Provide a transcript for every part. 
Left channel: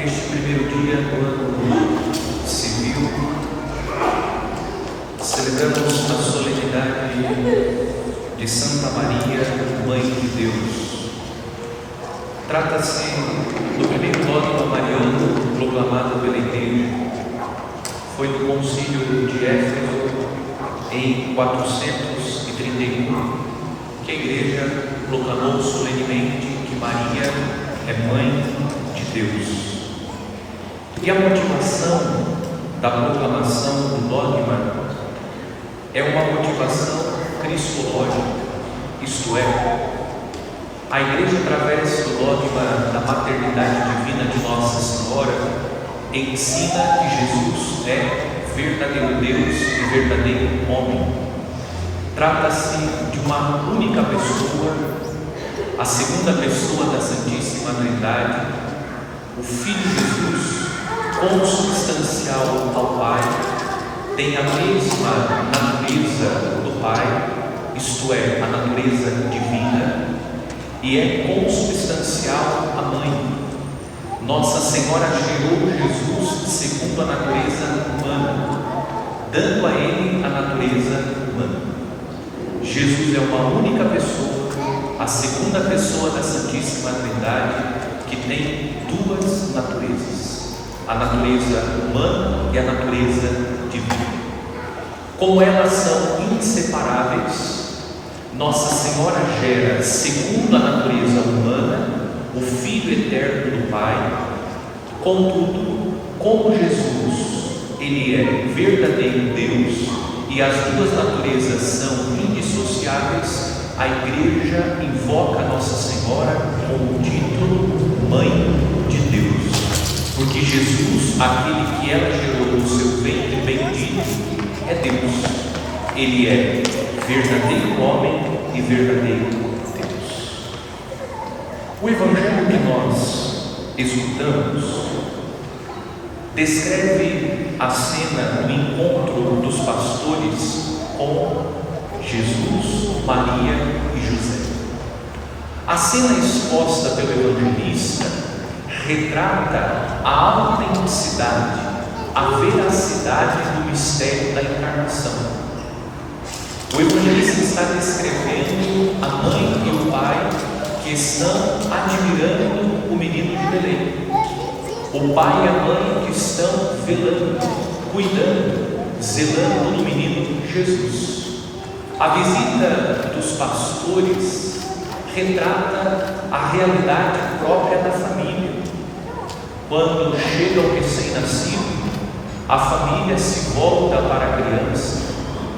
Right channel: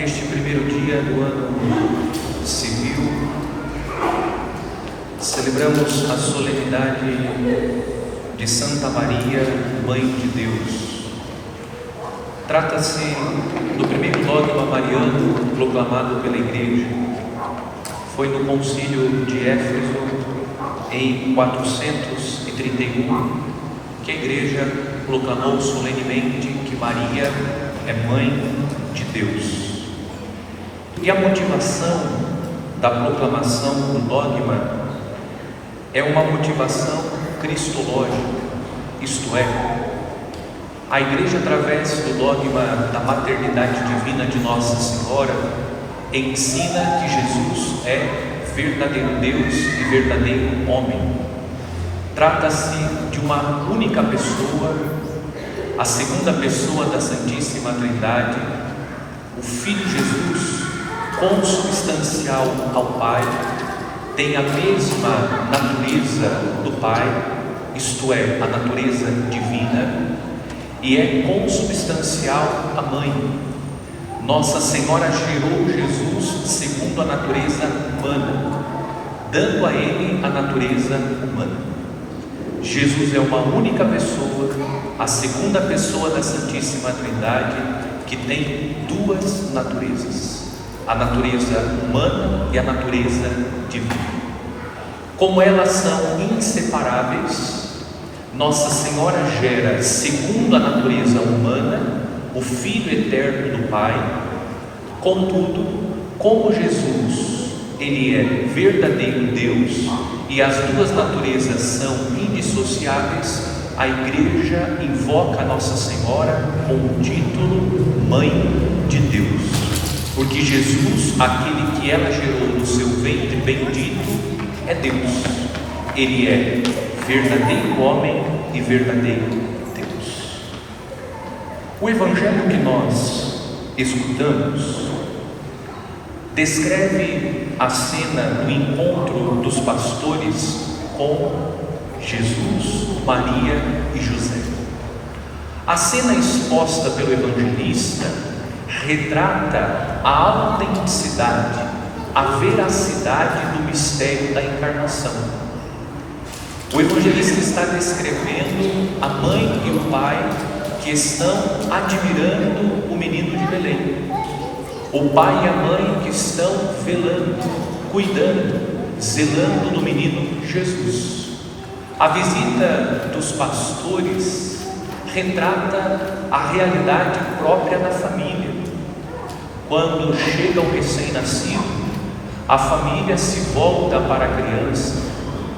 neste primeiro dia do ano civil, celebramos a solenidade de Santa Maria, Mãe de Deus. Trata-se do primeiro dogma mariano proclamado pela Igreja. Foi no Concílio de Éfeso, em 431, que a Igreja proclamou solenemente que Maria é Mãe de Deus. E a motivação da proclamação do dogma é uma motivação cristológica, isto é, a Igreja, através do dogma da maternidade divina de Nossa Senhora, ensina que Jesus é verdadeiro Deus e verdadeiro homem. Trata-se de uma única pessoa, a segunda pessoa da Santíssima Trindade, o Filho Jesus, consubstancial ao Pai, tem a mesma natureza do Pai, isto é, a natureza divina, e é consubstancial à Mãe. Nossa Senhora gerou Jesus segundo a natureza humana, dando a Ele a natureza humana. Jesus é uma única pessoa, a segunda pessoa da Santíssima Trindade, que tem duas naturezas, a natureza humana e a natureza divina. Como elas são inseparáveis, Nossa Senhora gera, segundo a natureza humana, o Filho eterno do Pai. Contudo, como Jesus, Ele é verdadeiro Deus e as duas naturezas são indissociáveis, a Igreja invoca Nossa Senhora com o título Mãe de Deus, porque Jesus, aquele que ela gerou no seu ventre bendito, é Deus. Ele é verdadeiro homem e verdadeiro Deus. O Evangelho que nós escutamos descreve a cena do encontro dos pastores com Jesus, Maria e José. A cena exposta pelo evangelista retrata a autenticidade, a veracidade do mistério da encarnação. O evangelista está descrevendo a mãe e o pai que estão admirando o menino de Belém. O pai e a mãe que estão velando, cuidando, zelando do menino Jesus. A visita dos pastores retrata a realidade própria da família. Quando chega o recém-nascido, a família se volta para a criança.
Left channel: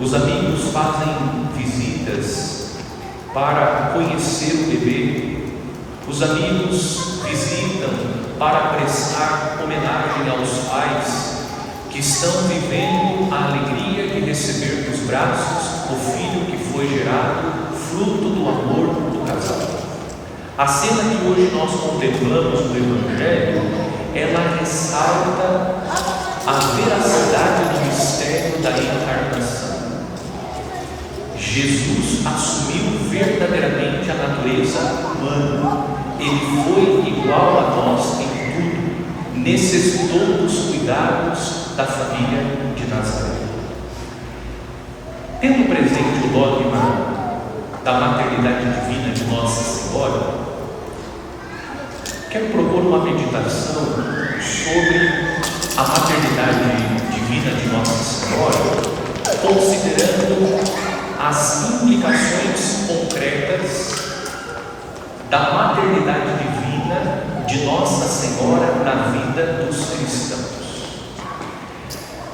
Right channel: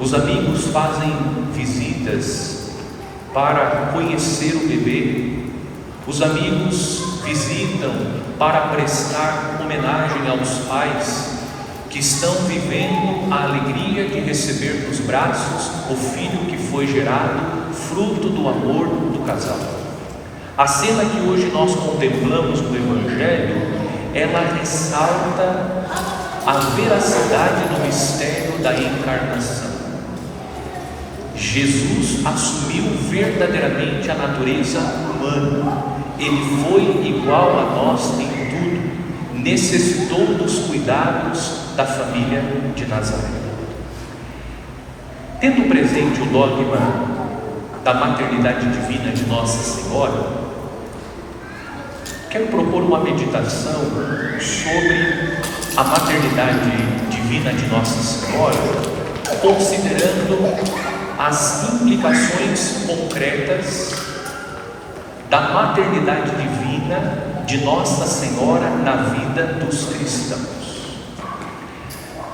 Os amigos fazem visitas para conhecer o bebê. Os amigos visitam para prestar homenagem aos pais que estão vivendo a alegria de receber nos braços o filho que foi gerado, fruto do amor do casal. A cena que hoje nós contemplamos no Evangelho, ela ressalta a veracidade do mistério da encarnação. Jesus assumiu verdadeiramente a natureza humana. Ele foi igual a nós em tudo, necessitou dos cuidados da família de Nazaré. Tendo presente o dogma da maternidade divina de Nossa Senhora, quero propor uma meditação sobre a maternidade divina de Nossa Senhora, considerando as implicações concretas da maternidade divina de Nossa Senhora na vida dos cristãos.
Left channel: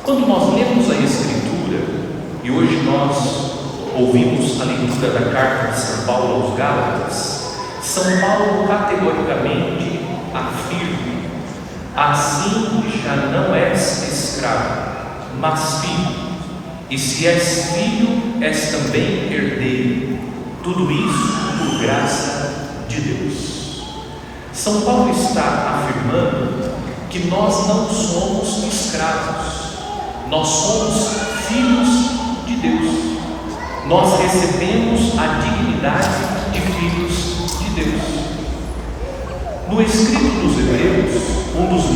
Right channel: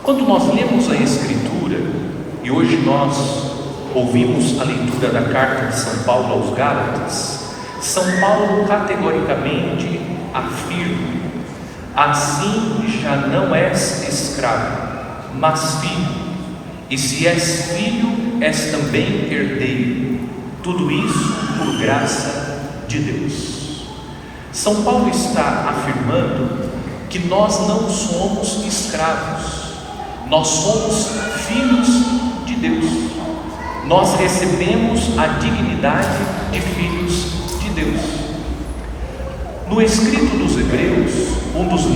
Quando nós lemos a Escritura, e hoje nós ouvimos a leitura da carta de São Paulo aos Gálatas, São Paulo categoricamente afirma: assim já não és escravo, mas filho, e se és filho, és também herdeiro, tudo isso por graça de Deus. São Paulo está afirmando que nós não somos escravos, nós somos filhos de Deus. Nós recebemos a dignidade de filhos de Deus. No escrito dos Hebreus, um dos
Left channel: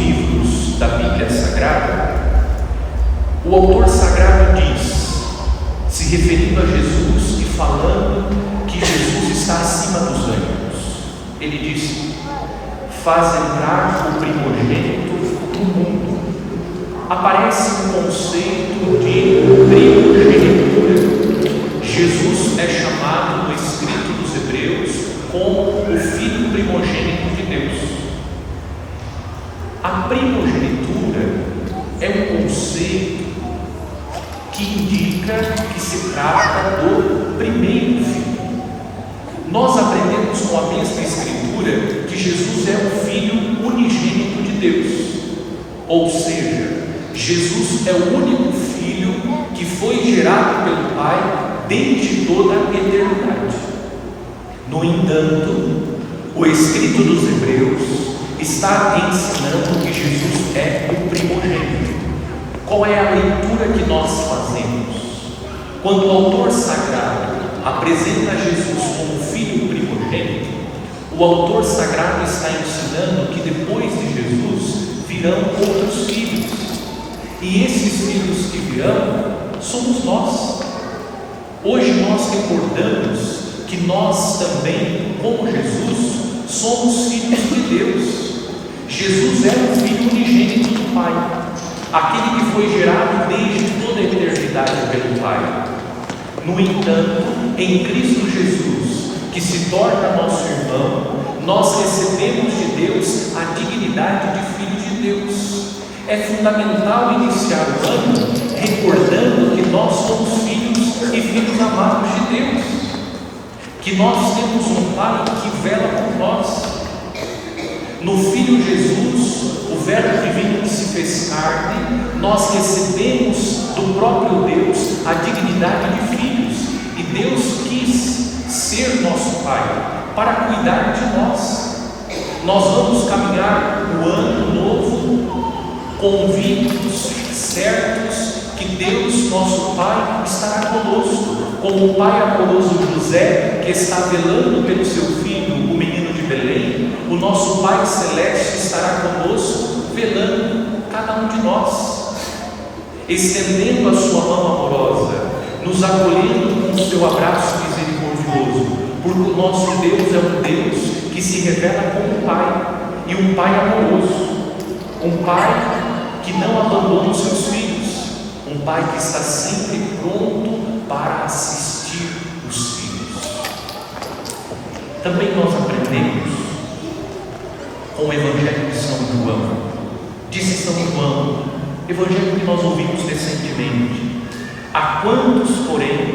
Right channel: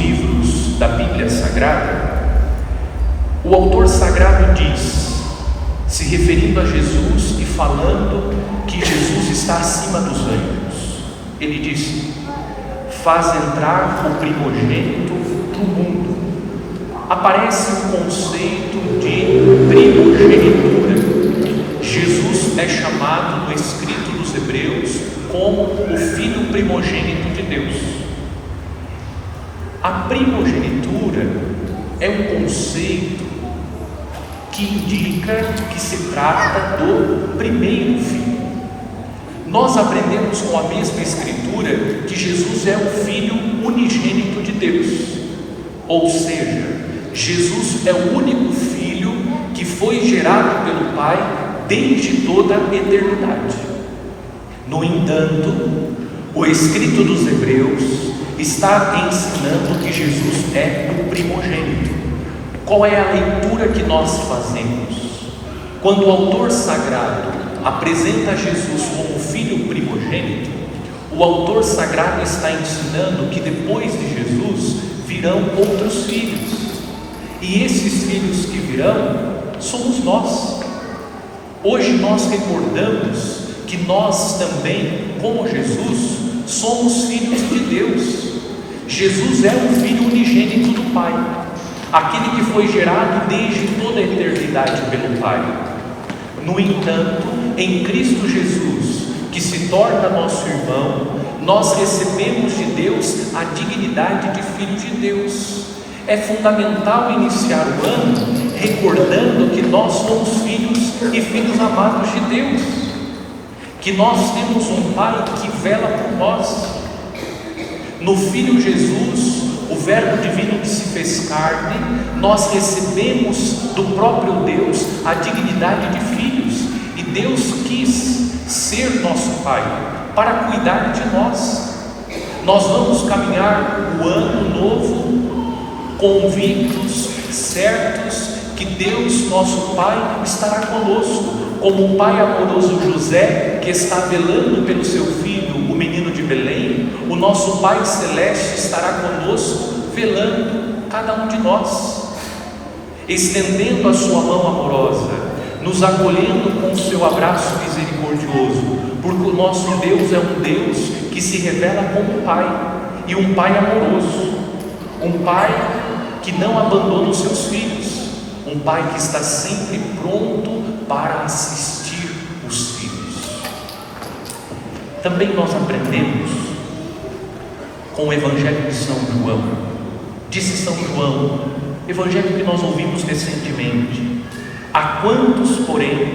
O autor sagrado diz, se referindo a Jesus e falando que Jesus está acima dos anjos, ele diz: faz entrar o primogênito no mundo. Aparece o conceito de primogenitura. Jesus é chamado no escrito dos Hebreus como o filho primogênito de Deus. A primogenitura é um conceito que indica que se trata do primeiro filho. Nós aprendemos com a mesma escritura que Jesus é o filho unigênito de Deus, ou seja, Jesus é o único filho que foi gerado pelo Pai desde toda a eternidade. No entanto, o escrito dos Hebreus está ensinando que Jesus é o primogênito. Qual é a leitura que nós fazemos? Quando o autor sagrado apresenta Jesus como filho primogênito, o autor sagrado está ensinando que depois de Jesus virão outros filhos, e esses filhos que virão somos nós. Hoje nós recordamos que nós também, como Jesus, somos filhos de Deus. Jesus é o filho unigênito do Pai, aquele que foi gerado desde toda a eternidade pelo Pai. No entanto, em Cristo Jesus, que se torna nosso irmão, nós recebemos de Deus a dignidade de filho de Deus. É fundamental iniciar o ano recordando que nós somos filhos e filhos amados de Deus, que nós temos um Pai que vela por nós. No Filho Jesus, o Verbo divino que se fez carne, nós recebemos do próprio Deus a dignidade de filhos, e Deus quis ser nosso Pai para cuidar de nós. Nós vamos caminhar o ano novo convictos, certos que Deus, nosso Pai, estará conosco, como o pai amoroso José, que está velando pelo seu filho, o menino de Belém. O nosso Pai Celeste estará conosco, velando cada um de nós, estendendo a sua mão amorosa, nos acolhendo com o seu abraço misericordioso, porque o nosso Deus é um Deus que se revela como Pai, e um Pai amoroso, um Pai que não abandona os seus filhos, um Pai que está sempre pronto para assistir os filhos. Também nós aprendemos com o Evangelho de São João. Disse São João, Evangelho que nós ouvimos recentemente: a quantos, porém,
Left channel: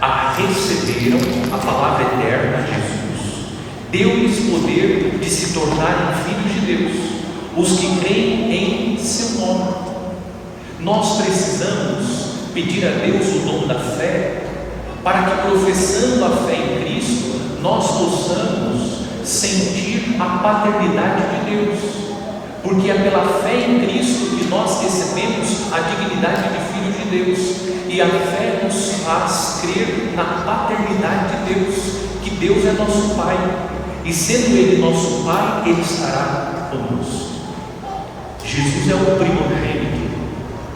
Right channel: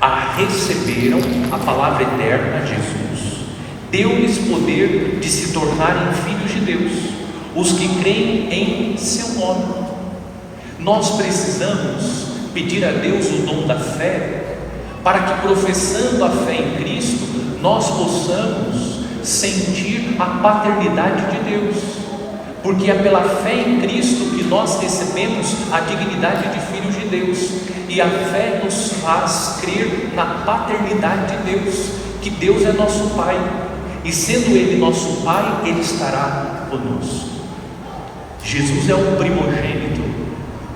a receberam a palavra eterna, Jesus, deu-lhes poder de se tornarem filhos de Deus, os que creem em seu nome. Nós precisamos pedir a Deus o dom da fé, para que, professando a fé em Cristo, nós possamos sentir a paternidade de Deus, porque é pela fé em Cristo que nós recebemos a dignidade de filhos de Deus, e a fé nos faz crer na paternidade de Deus, que Deus é nosso Pai, e sendo Ele nosso Pai, Ele estará conosco. Jesus é o primogênito,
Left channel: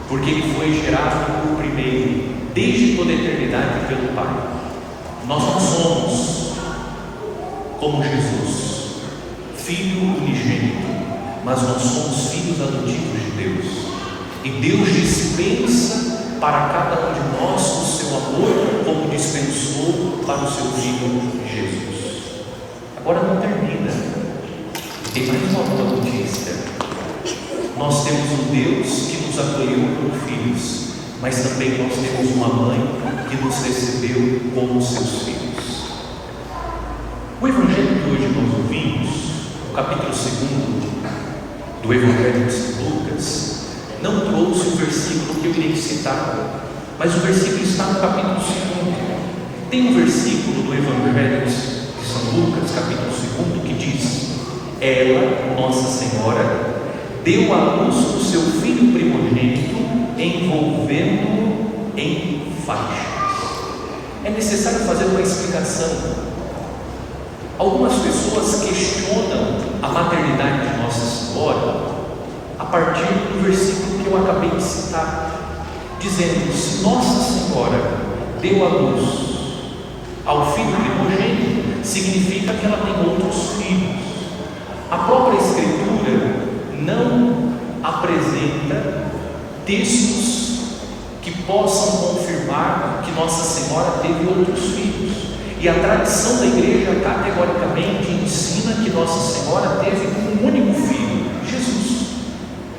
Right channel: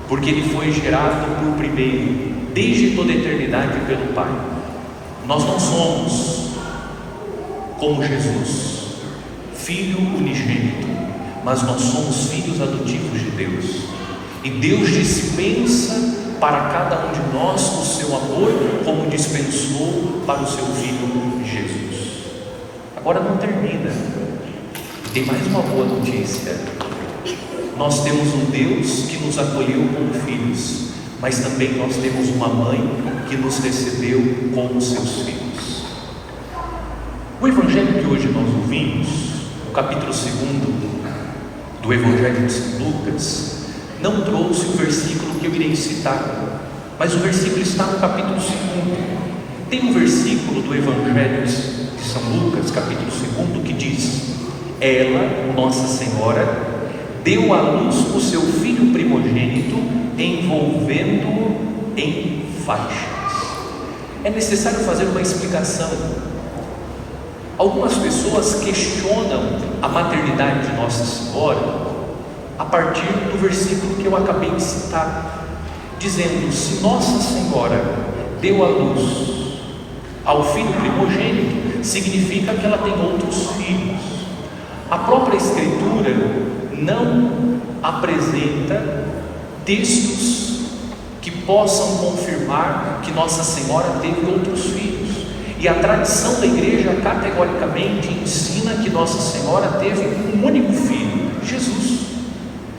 porque Ele foi gerado por primeiro, desde toda a eternidade pelo Pai. Nós não somos como Jesus, filho unigênito, mas nós somos filhos adotivos de Deus, e Deus dispensa para cada um de nós o seu amor, como dispensou para o seu Filho Jesus. Agora não termina, tem mais uma boa notícia. Nós temos um Deus que nos acolheu como filhos, mas também nós temos uma mãe que nos recebeu como seus filhos. O Evangelho que hoje nós ouvimos, o capítulo 2 do Evangelho de São Lucas, não trouxe o versículo que eu irei citar, mas o versículo está no capítulo 2. Tem um versículo do Evangelho de São Lucas, capítulo 2, que diz: ela, Nossa Senhora, deu à luz o seu filho primogênito, envolvendo-o em faixas. É necessário fazer uma explicação. Algumas pessoas questionam a maternidade de Nossa Senhora a partir do versículo que eu acabei de citar. dizendo: se Nossa Senhora deu à luz ao filho primogênito, significa que ela tem outros filhos. A própria Escritura não apresenta textos que possam confirmar que Nossa Senhora teve outros filhos, e a tradição da igreja categoricamente ensina que Nossa Senhora teve um único filho, Jesus.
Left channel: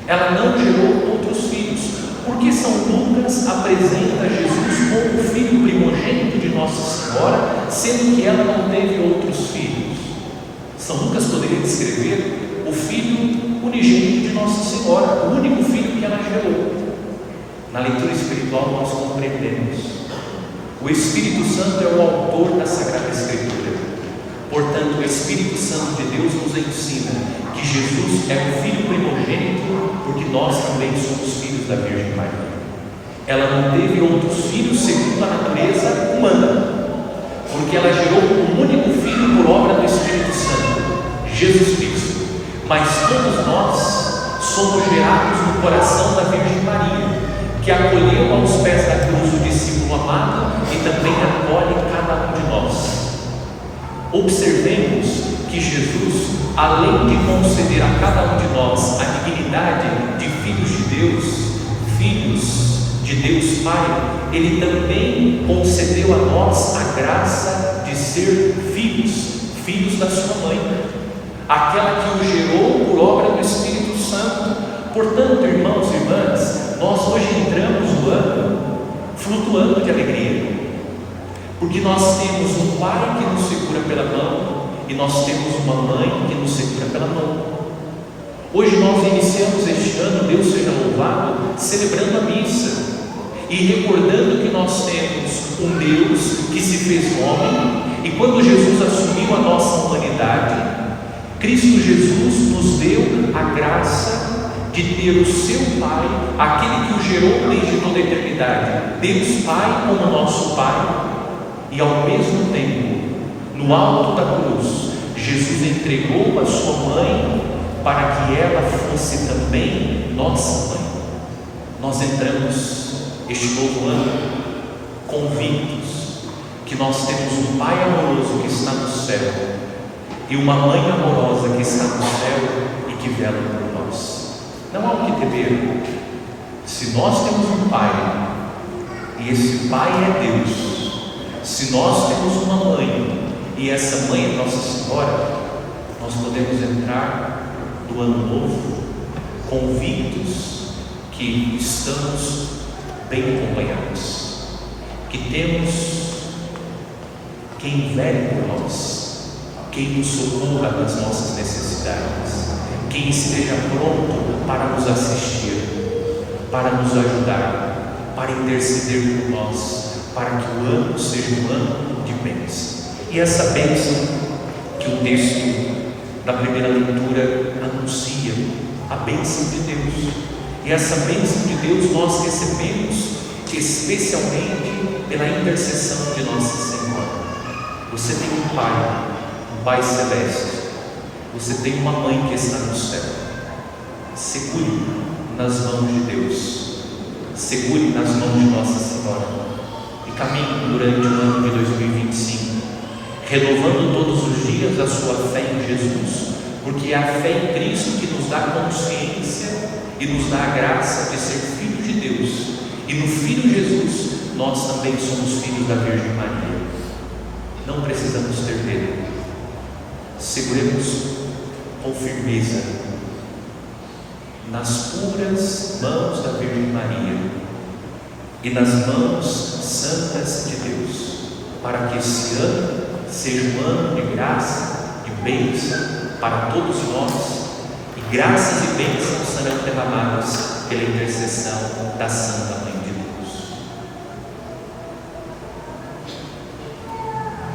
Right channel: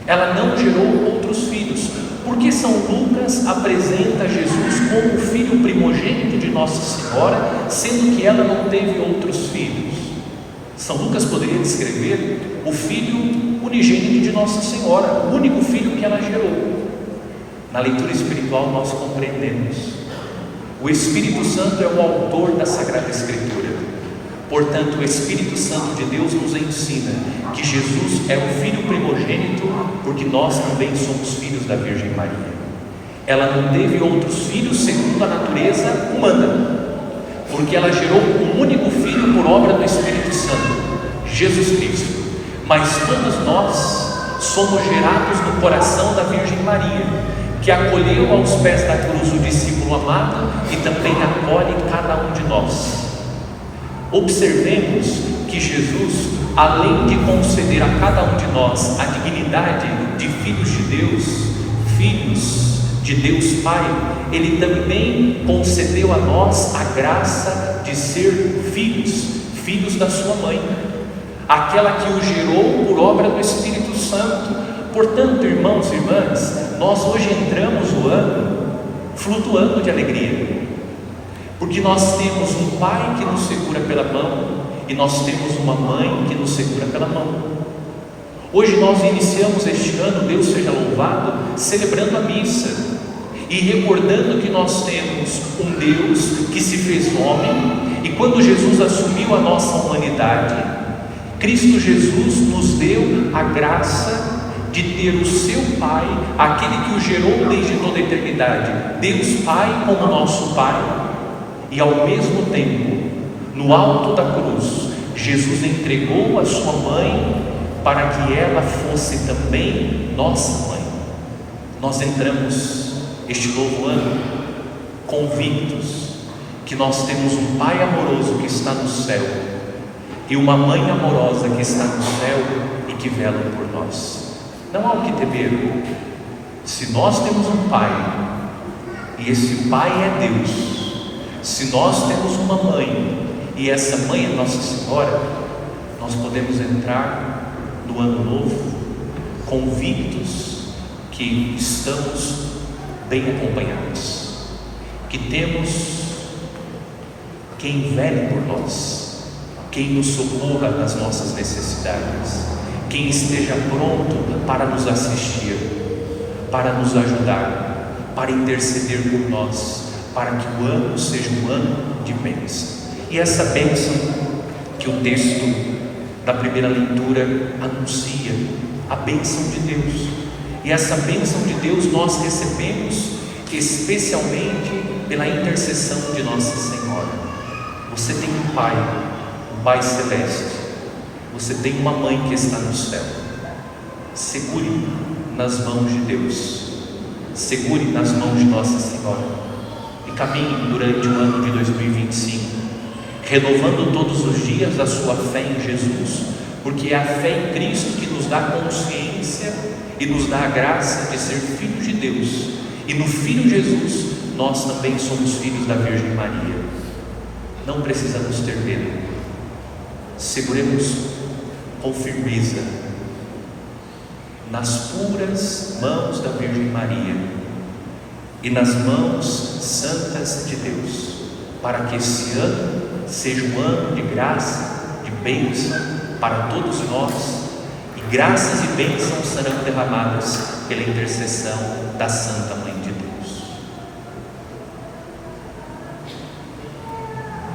Ela não gerou outros filhos, porque São Lucas apresenta Jesus como o filho primogênito de Nossa Senhora, sendo que ela não teve outros filhos. São Lucas poderia descrever o filho unigênito de Nossa Senhora, o único filho que ela gerou. Na leitura espiritual nós compreendemos: o Espírito Santo é o autor da Sagrada Escritura. Portanto, o Espírito Santo de Deus nos ensina que Jesus é o filho primogênito, porque nós também somos filhos da Virgem Maria. Ela não teve outros filhos segundo a natureza humana, porque ela gerou um único filho por obra do Espírito Santo, Jesus Cristo. Mas todos nós somos gerados no coração da Virgem Maria, que acolheu aos pés da cruz o discípulo amado e também acolhe cada um de nós. Observemos que Jesus, além de conceder a cada um de nós a dignidade de filhos de Deus, filhos de Deus Pai, Ele também concedeu a nós a graça de ser filhos da sua mãe, aquela que o gerou por obra do Espírito Santo. Portanto, irmãos e irmãs, nós hoje entramos no ano flutuando de alegria, porque nós temos um Pai que nos segura pela mão e nós temos uma mãe que nos segura pela mão. Hoje nós iniciamos este ano, Deus seja louvado, celebrando a missa e recordando que nós temos um Deus que se fez homem, e quando Jesus assumiu a nossa humanidade, Cristo Jesus nos deu a graça de ter o seu Pai, aquele que o gerou desde toda a eternidade, Deus Pai como nosso Pai. E ao mesmo tempo, no alto da cruz, Jesus entregou a sua mãe para que ela fosse também nossa mãe. Nós entramos este novo ano convictos que nós temos um Pai amoroso que está no céu e uma mãe amorosa que está no céu e que vela por nós. Não há o que temer. Se nós temos um Pai e esse Pai é Deus, se nós temos uma mãe e essa mãe é Nossa Senhora, nós podemos entrar no ano novo convictos que estamos bem acompanhados, que temos quem vele por nós, quem nos socorra nas nossas necessidades, quem esteja pronto para nos assistir, para nos ajudar, para interceder por nós, para que o ano seja um ano de bênção. E essa bênção que o texto da primeira leitura anuncia, a bênção de Deus. E essa bênção de Deus nós recebemos especialmente pela intercessão de Nossa Senhora. Você tem um Pai Celeste, você tem uma mãe que está no céu. Segure nas mãos de Deus, segure nas mãos de Nossa Senhora e caminhe durante o ano de 2025, renovando todos os dias a sua fé em Jesus, porque é a fé em Cristo que nos dá consciência e nos dá a graça de ser filhos de Deus, e no Filho Jesus nós também somos filhos da Virgem Maria. Não precisamos ter medo, seguremos com firmeza nas puras mãos da Virgem Maria e nas mãos santas de Deus, para que esse ano seja um ano de graça, de bênção para todos nós, e graças e bênçãos serão derramadas pela intercessão da Santa Maria.